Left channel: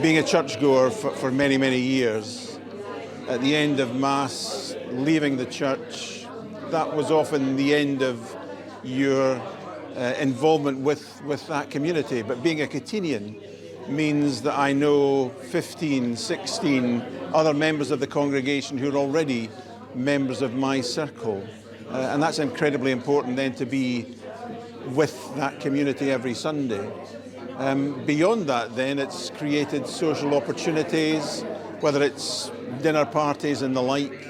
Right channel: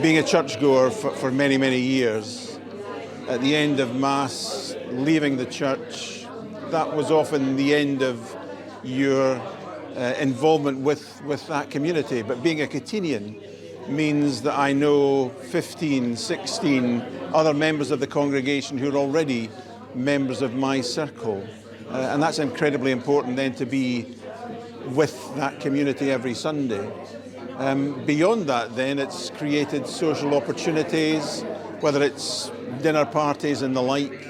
being a churchgoer for many, many years, at the end of Mass, leaving the church, that was often the end of your involvement with that community. But being a Catenian means that I know 15, 16 other members of the congregation who are already members of my circle. And that's incredibly important then to be with that community every Sunday. Beyond that then, it's created social opportunities, whether it's dinner parties and the like,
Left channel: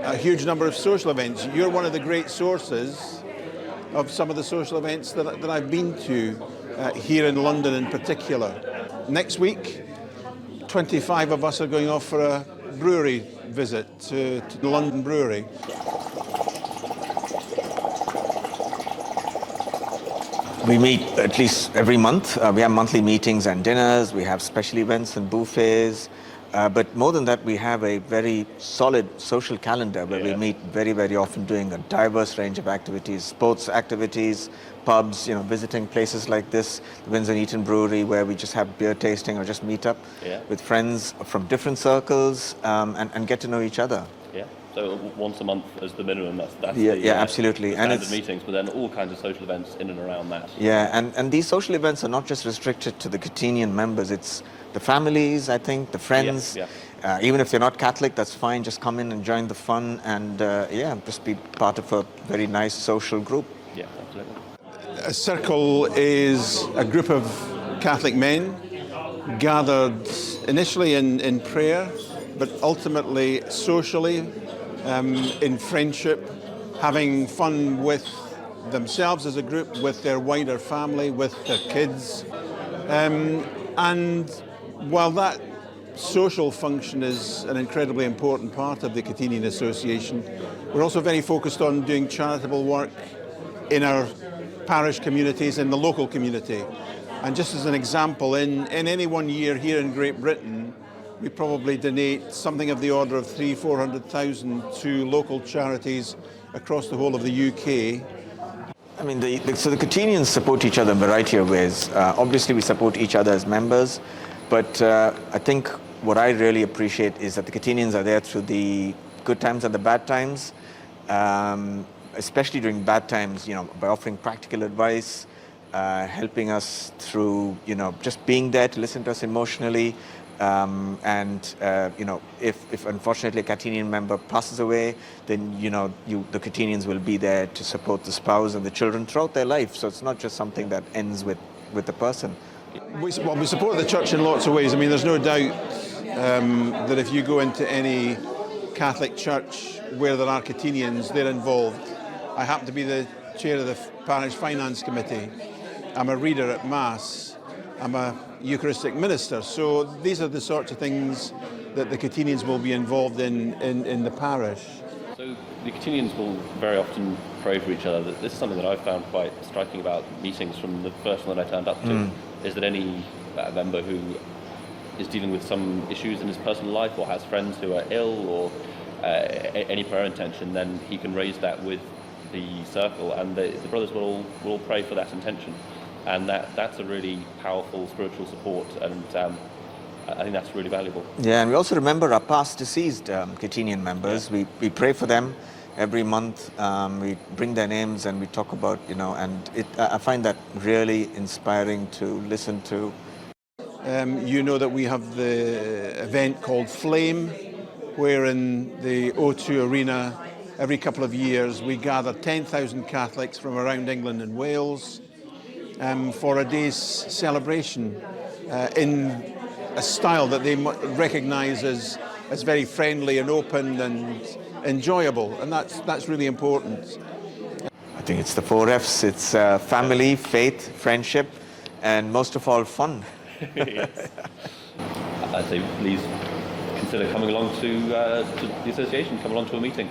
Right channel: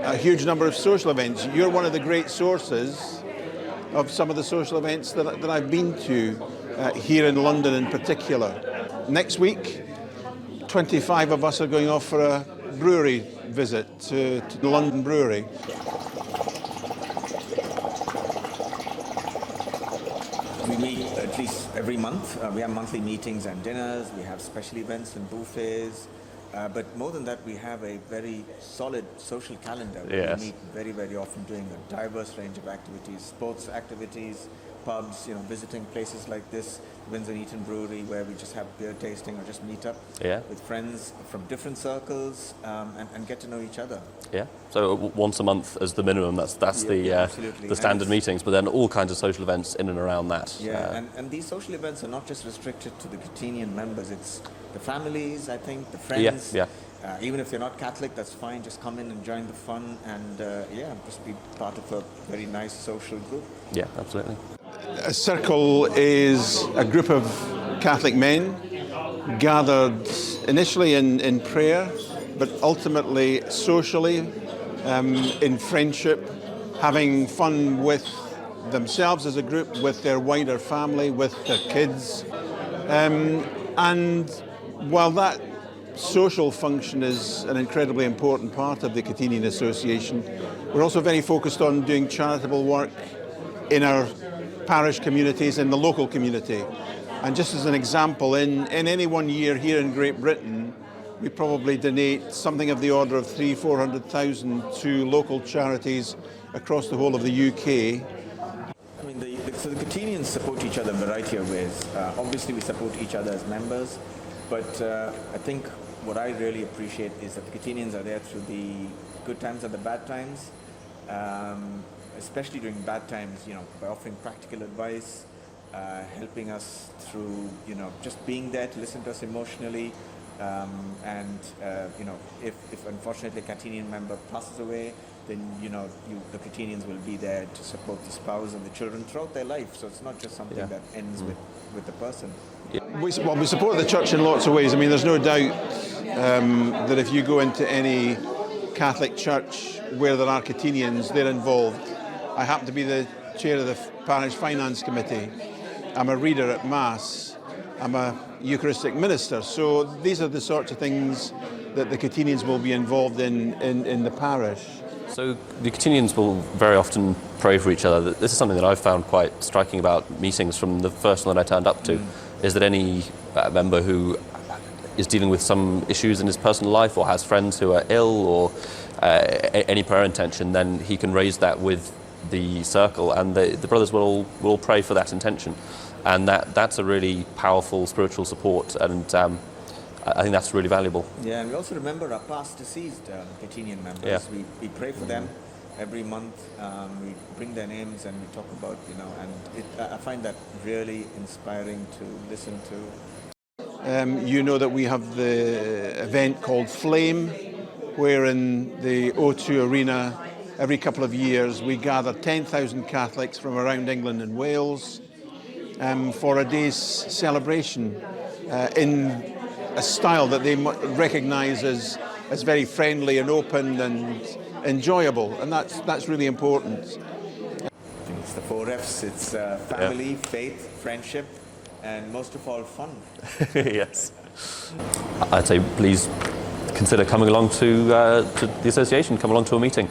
a huge number of social events. You're one of the great sources of some of the social events that I've been to here in London in particular. Next week, 25 of us are going off for a brewery visit to the London Brewery. We meet at least every month. We have monthly meetings and dinners. We have special events and buffets. But more than that, we have a very solid social calendar where we meet very, very often doing a diverse range of activities, sports activities, pubs, visiting places like this, the Windsor and Eton Brewery, where we just have beer tasting or just meet up with friends from different circles and get to know each other. Yeah. So once a month as the minimum, that's absolutely. The standard meetings, but then all kinds of social events in and around that. Yeah, and these social events are not just restricted to the Catenian members, it's the families, I think, the friends. Even if you're not Catholic, that's fine, just come in and join the fun and just be part of a very nice social group. Yeah, absolutely. A circle is a group of Catholic men gathered initially in prayer, but ultimately socially, in friendship, having fun with themselves as a group, with their wider family, with their kids. And while that social function is an incredibly important part of the Catenian Association, we're also very focused on doing charitable work in our parish communities, in the local community. And just as an example, in any one year here in Great Britain, we probably donate something of the order of 400,000 to local charities across the whole of the UK. I mean, so the Catenians support each other in a variety of ways. Obviously, we support each other as members, but I think what I really appreciate is that the Catenians are there through the good times and the bad times, especially during bad times, by offering practical advice, helping us through, just being there to listen to us emotionally. If unfortunately a Catenian member passes away, then the Catenians will be there to support the spouse and the children throughout their life. So it's not just something that ends with the person. We support the church in lots of ways. I mean, there's no doubt that if you go into any Catholic church where there are Catenians, they're involved. I happen to be the chair of the parish finance committee. I'm a reader at Mass. I'm a Eucharistic minister. So these are the sorts of things that the Catenians will be involved in the parish. So the Catenians will very often pray for each other. This is something that I've found quite striking about meetings from the first one that I turned up to, is that any member who is dealing with some issues in his personal life or has friends who are ill or any prayer intention, then he can raise that with the circle, and the brothers will all pray for that intention. And that's a really powerful spiritual support, and I think that's really valuable. Yeah, and we also remember our past deceased Catenian members. Yeah. We pray for them every month. We bring their names and we talk about, and I find that really inspiring to listen to. That we have the event called Flame, where in the O2 Arena, every couple of years, we gather 10,000 Catholics from around England and Wales for a day's celebration in a style that they recognise as very friendly and open and enjoyable, and that's really important. I think it's the 4 Fs. It's family, faith, friendship, and most of all, fun. Yes. I'd say please consider coming along to the association, come along to a meeting.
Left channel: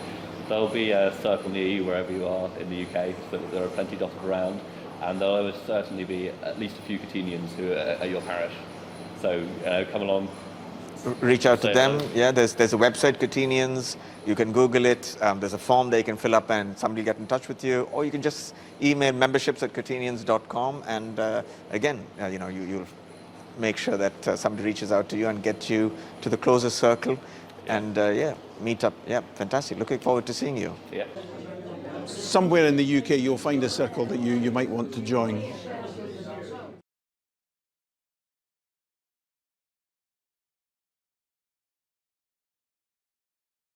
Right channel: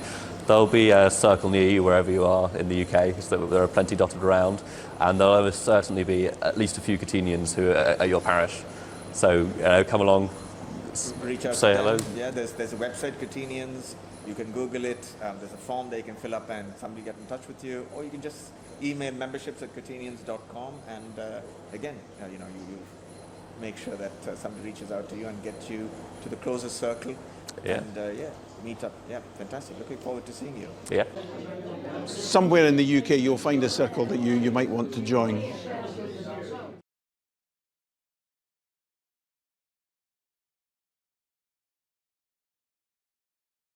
There'll be a circle near you wherever you are in the UK, so there are plenty dotted around, and there'll almost certainly be at least a few Catenians who are at your parish. So come along. Reach out to them. Yeah, there's a website, Catenians. You can Google it. There's a form they can fill up and somebody will get in touch with you. Or you can just email memberships@catenians.com, and again, you'll make sure that somebody reaches out to you and get you to the closest circle. Yeah. And meet up. Yeah, fantastic. Looking forward to seeing you. Yeah. Somewhere in the UK, you'll find a circle that you might want to join.